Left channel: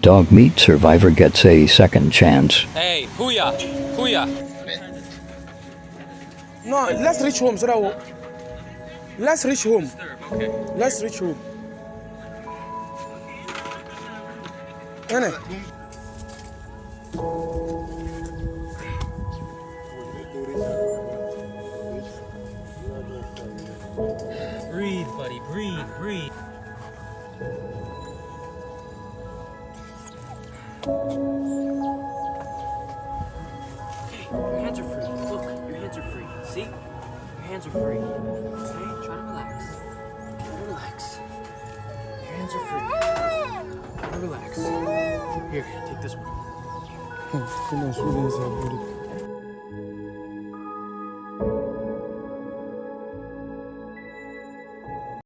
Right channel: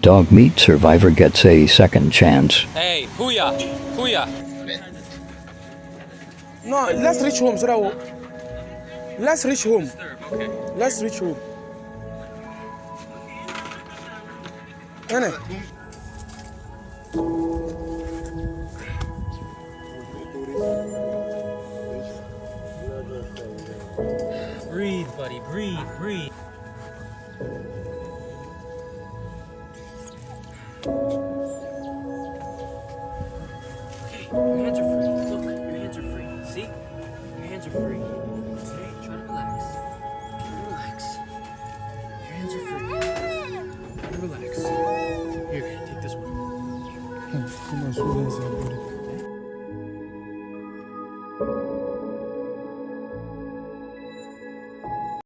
Dog meat survivor gets a second chance. Hey, Huya, Huya. No, let's reach home so that let's reach home. Okay. Let's reach home. Nene. Breathe, buddy. Breathe, breathe. Okay, your hands are free. Look, your hands are free. See? Your hands are free. Okay, try to relax. Try to relax. Your hands are free. Try to relax. Here, take this one.